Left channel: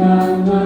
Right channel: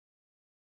na na